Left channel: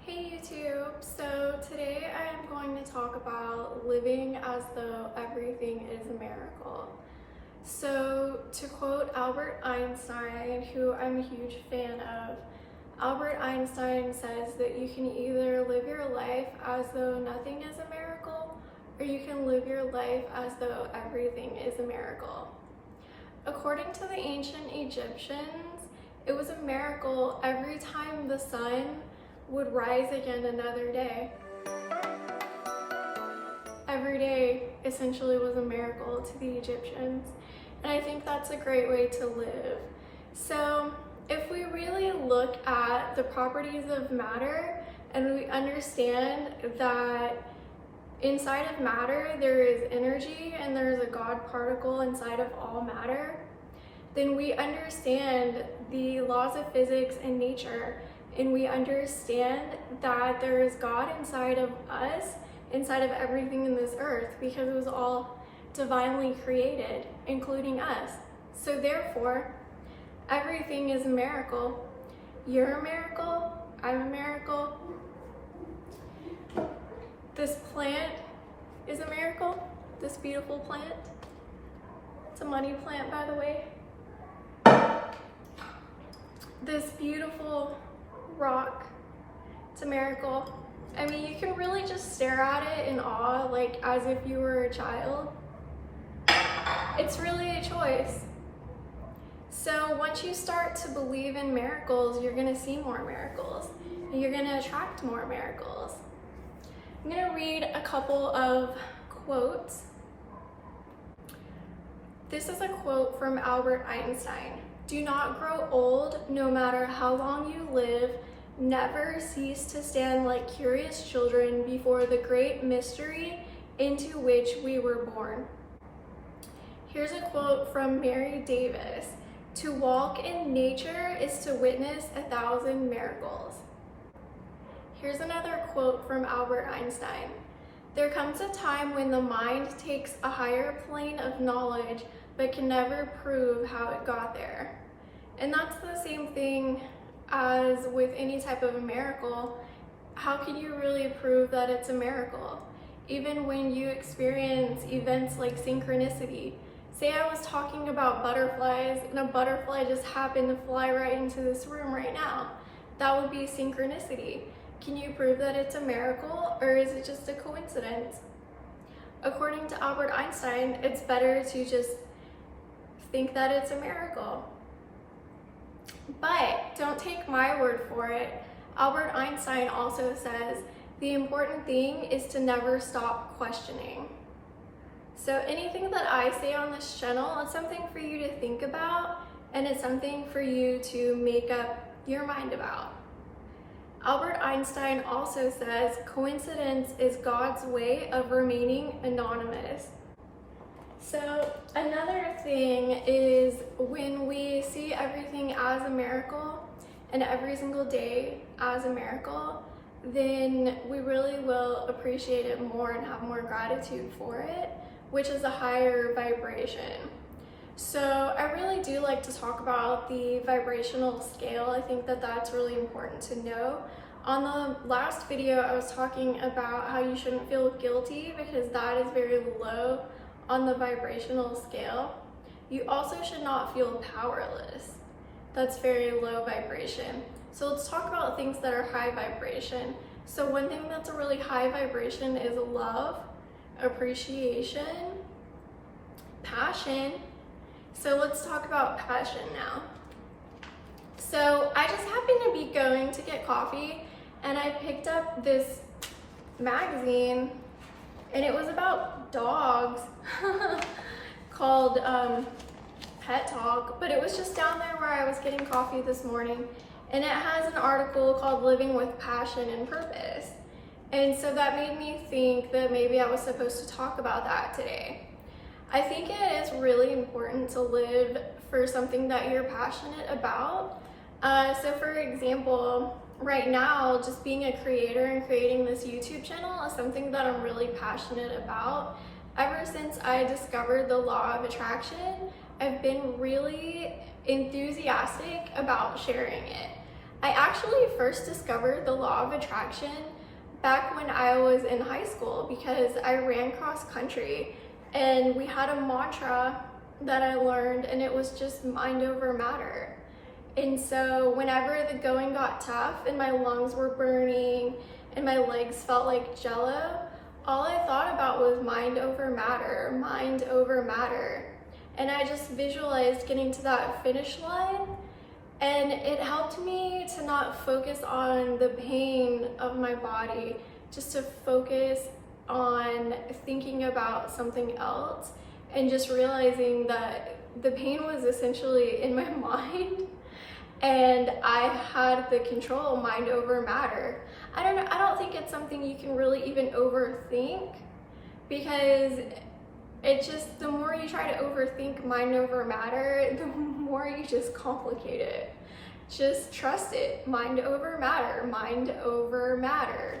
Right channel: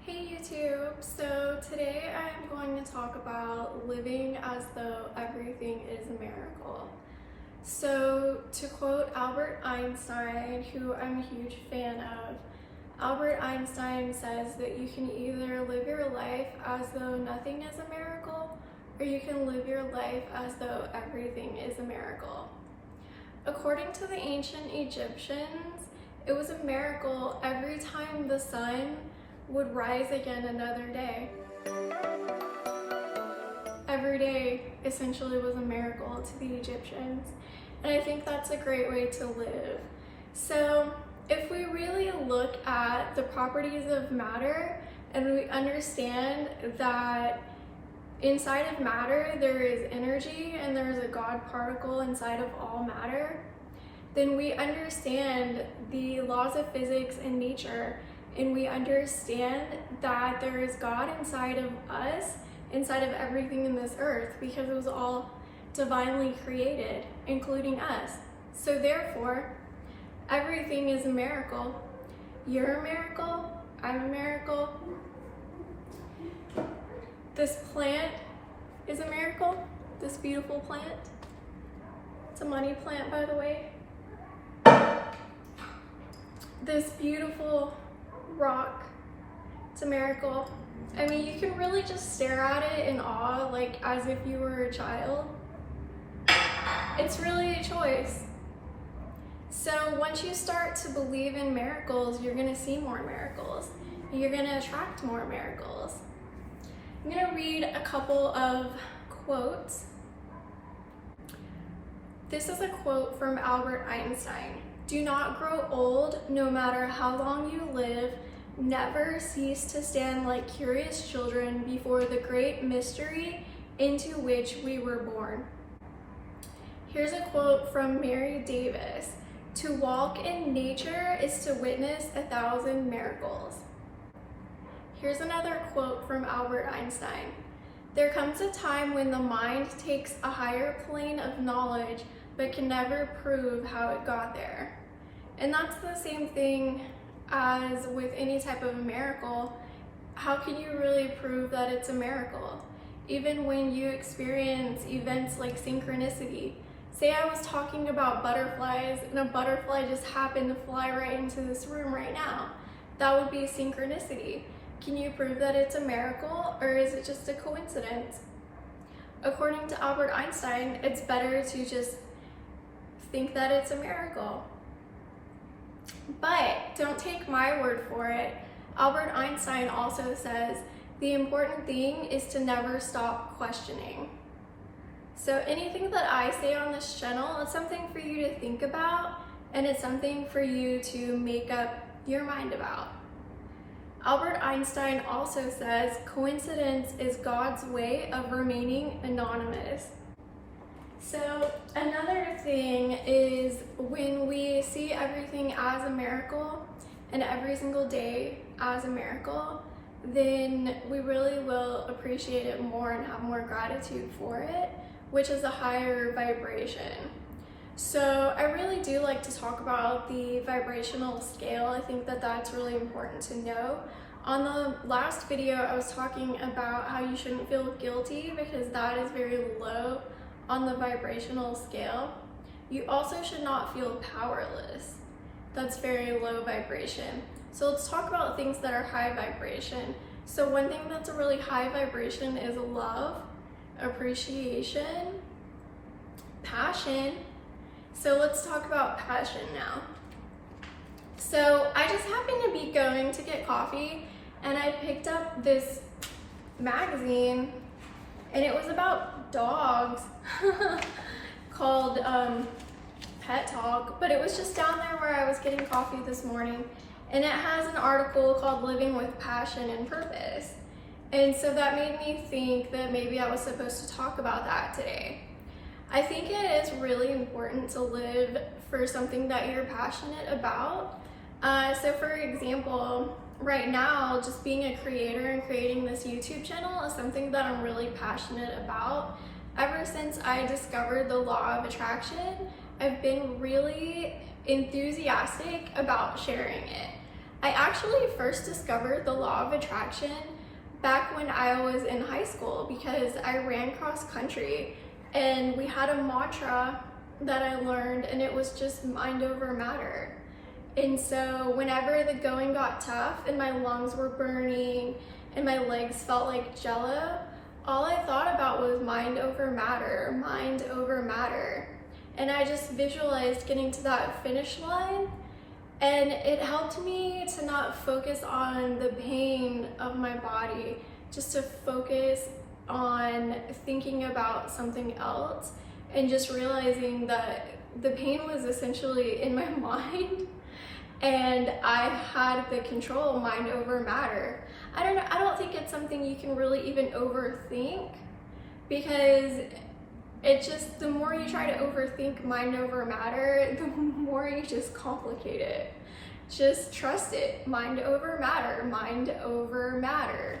Hey YouTube, so today I am going to talk about living as though everything is a miracle. So to quote Albert Einstein, who I'm a huge fan of, Albert Einstein says that you can either live your life as though nothing is a miracle, or you can live your life as though everything is a miracle. According to the ancient Egyptians, it was a miracle every time the sun would rise again another day. Every day essentially was a miracle to the Egyptians, and I think that's a great way to live. So if we really look at the properties of matter and we understand that inside of matter there is energy and there's a God particle inside of all matter, then we understand the laws of physics and nature, and we understand that there is God inside of us, inside of everything in this earth, because it was all divinely created, including us. So therefore, everything is a miracle. You're a miracle, I'm a miracle. This plant is a miracle, this beautiful plant. It's a money plant, by the way. This beautiful rock, it's a miracle. I mean, you can really just stare at it in awe, like as if you were a child. It's really a choice. So once you start to believe in miracles, you're gonna see more miracles, and you're gonna attract more miracles. I'm gonna read a couple of quotes. This is a quote from Albert Einstein. "Do not grow old, no matter how long you live. Never cease to stand like curious children before the great mystery into which we were born." Here's a quote from Mary Davis. "To walk in nature is to witness 1,000 miracles." Here's another quote from Albert Einstein. "There comes a time when the mind takes a higher plane of knowledge but can never prove how it got there." And that's the same thing as with any type of a miracle. How can you really prove that it's a miracle? Even when you experience events like synchronicity. Say I was talking about butterflies and a butterfly just happened to fly right into this room right now. That would be synchronicity. Can you prove that it's a miracle, or is it just a coincidence? According to Albert Einstein, it's better to just think that it's a miracle. But don't take my word for it. Albert Einstein also says the important thing is to never stop questioning. So anything that I say on this channel is something for you to think about, and it's something for you to make up your mind about. Albert Einstein also says coincidence is God's way of remaining anonymous. So another thing is when we see everything as a miracle and every single day as a miracle, then we really will appreciate it more and have more gratitude for it, which is a higher vibration. So I really do like to talk about the vibrational scale. I think that that's really important to know. On the last video, I was talking about how you shouldn't feel guilty because that is very low on the vibrational scale. You also should not feel powerless. That's very low vibration. So let's talk about things that are high vibration. So one thing that's a really high vibration is love, appreciation, passion. So let's talk about passion now. So I just happened to be going to get coffee, and I picked up this magazine, and it was about dogs called Pet Talk, but it was just down there where I was getting coffee this morning, and it has an article called Living with Passion and Purpose. And so that made me think that maybe I was supposed to talk about that today. I think it is really important to live for something that you're passionate about. So for example, right now, just being a creator and creating this YouTube channel is something that I'm really passionate about. Ever since I discovered the law of attraction, I've been really enthusiastic about sharing it. I actually first discovered the law of attraction back when I was in high school because I ran cross country and we had a mantra that I learned, and it was just mind over matter. And so whenever the going got tough and my lungs were burning and my legs felt like jello, all I thought about was mind over matter, mind over matter. And I just visualized getting to that finish line, and it helped me to not focus on the pain of my body, just to focus on thinking about something else and just realizing that the pain was essentially in my mind and I had the control, mind over matter. I don't think it's something you can really even overthink, because it just, the more you try to overthink mind over matter, the more you just complicate it. Just trust it. Mind over matter, mind over matter.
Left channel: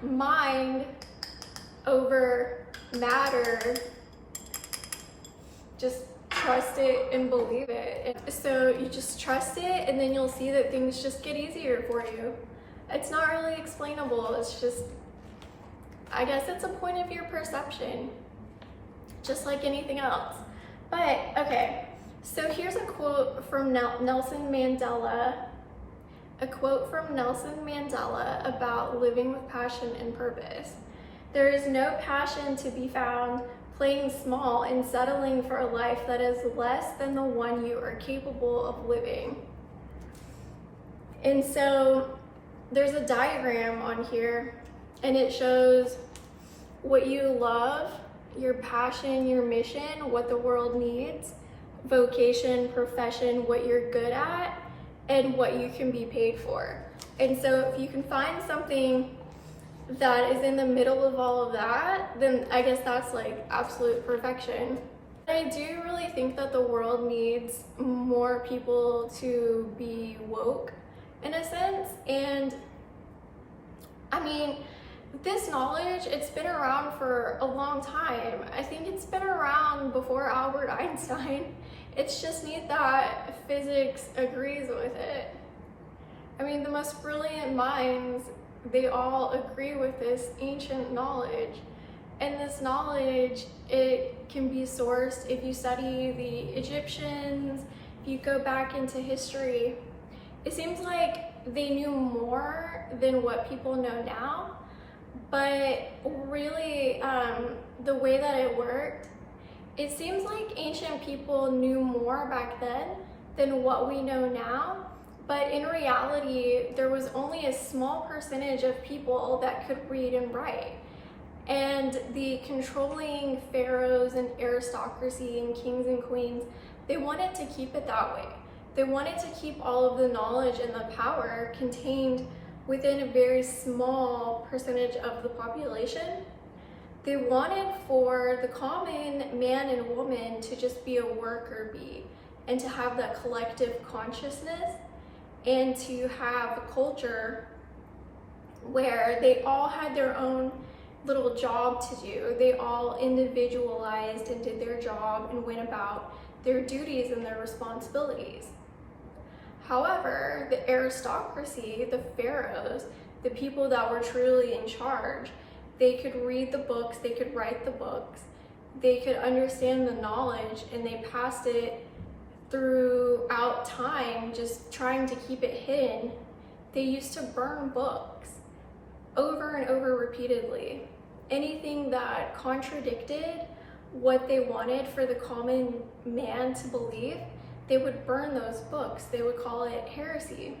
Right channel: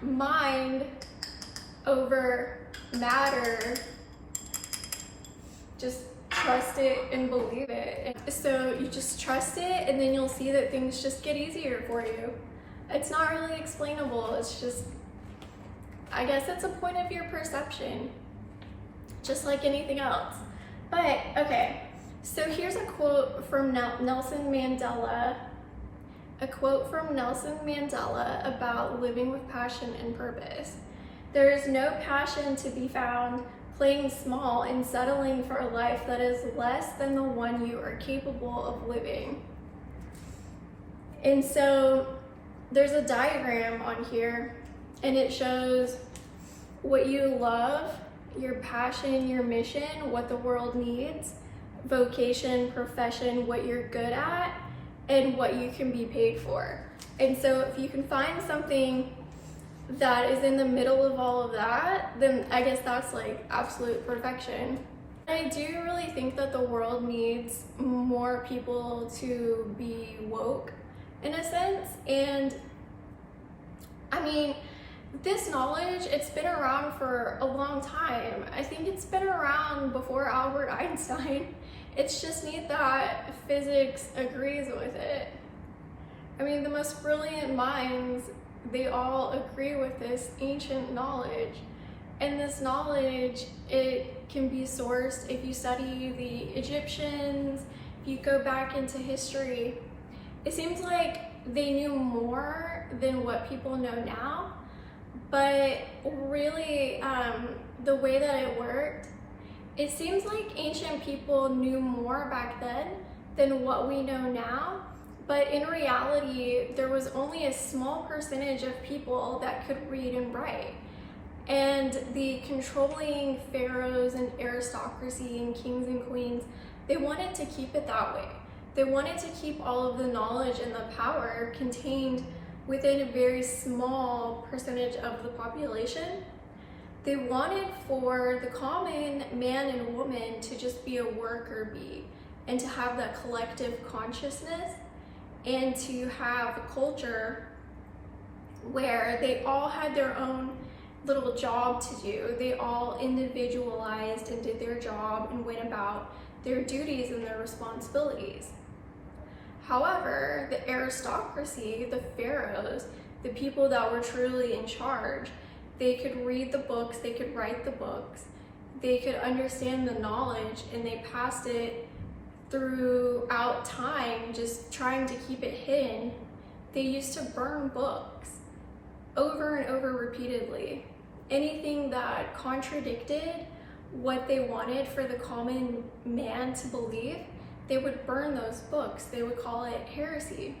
Mind over matter. Just trust it and believe it. So you just trust it, and then you'll see that things just get easier for you. It's not really explainable. It's just, I guess it's a point of your perception, just like anything else. But okay, so here's a quote from Nelson Mandela. A quote from Nelson Mandela about living with passion and purpose. There is no passion to be found playing small and settling for a life that is less than the one you are capable of living. And so there's a diagram on here, and it shows what you love, your passion, your mission, what the world needs, vocation, profession, what you're good at, and what you can be paid for. And so if you can find something that is in the middle of all of that, then I guess that's like absolute perfection. I do really think that the world needs more people to be woke in a sense. And I mean, this knowledge, it's been around for a long time. I think it's been around before Albert Einstein. It's just neat that physics agrees with it. I mean, the most brilliant minds, they all agree with this ancient knowledge. And this knowledge, it can be sourced if you study the Egyptians, if you go back into history. It seems like they knew more than what people know now, but really the way that it worked, it seems like ancient people knew more back then than what we know now. But in reality, there was only a small percentage of people that could read and write. And the controlling pharaohs and aristocracy and kings and queens, they wanted to keep it that way. They wanted to keep all of the knowledge and the power contained within a very small percentage of the population. They wanted for the common man and woman to just be a worker bee and to have that collective consciousness, and to have a culture where they all had their own little job to do. They all individualized and did their job and went about their duties and their responsibilities. However, the aristocracy, the pharaohs, the people that were truly in charge, they could read the books, they could write the books, they could understand the knowledge, and they passed it throughout time, just trying to keep it hidden. They used to burn books over and over repeatedly. Anything that contradicted what they wanted for the common man to believe, they would burn those books. They would call it heresy.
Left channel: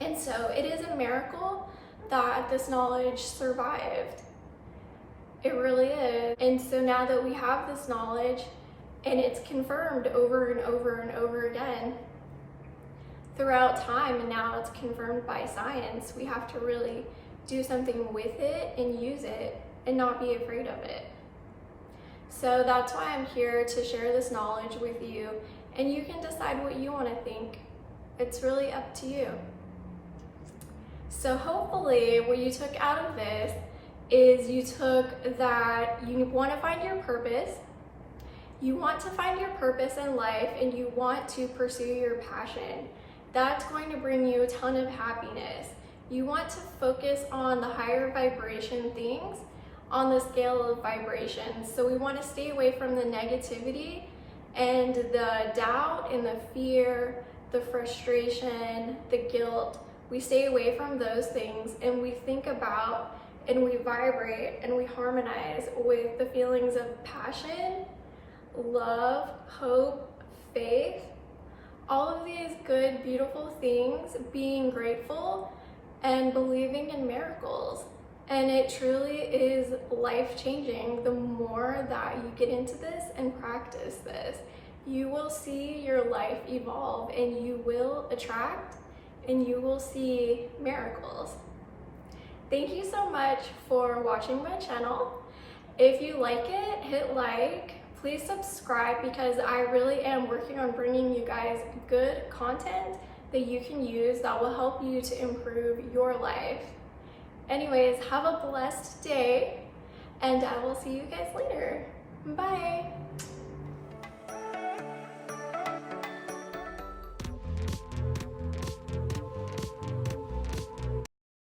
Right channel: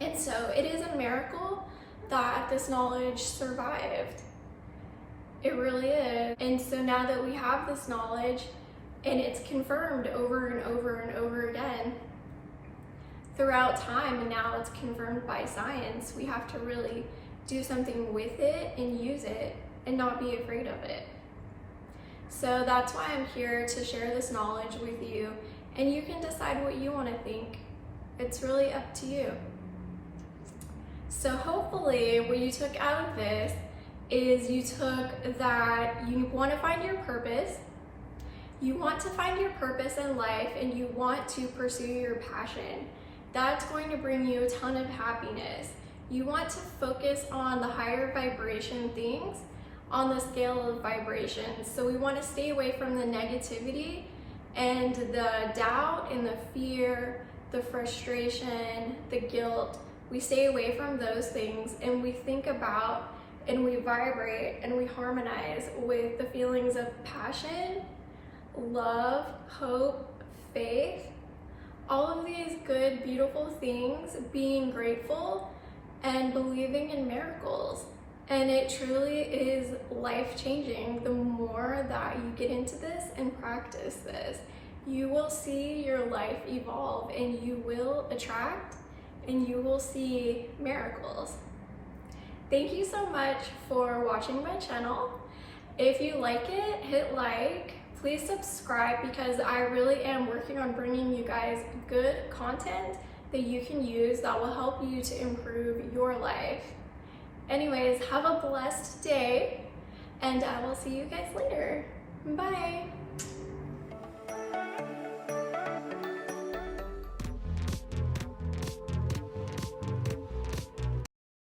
And so it is a miracle that this knowledge survived. It really is. And so now that we have this knowledge, and it's confirmed over and over and over again throughout time, and now it's confirmed by science, we have to really do something with it and use it and not be afraid of it. So that's why I'm here to share this knowledge with you, and you can decide what you want to think. It's really up to you. So hopefully what you took out of this is you took that you want to find your purpose, You want to find your purpose in life and you want to pursue your passion. That's going to bring you a ton of happiness. You want to focus on the higher vibration things on the scale of vibrations. So we want to stay away from the negativity and the doubt and the fear, the frustration, the guilt. We stay away from those things and we think about and we vibrate and we harmonize with the feelings of passion, love, hope, faith, all of these good, beautiful things, being grateful and believing in miracles. And it truly is life-changing. The more that you get into this and practice this, you will see your life evolve and you will attract and you will see miracles. Thank you so much for watching my channel. If you like it, hit like. Please subscribe because I really am working on bringing you guys good content that you can use that will help you to improve your life. Anyways, have a blessed day and I will see you guys later. Bye.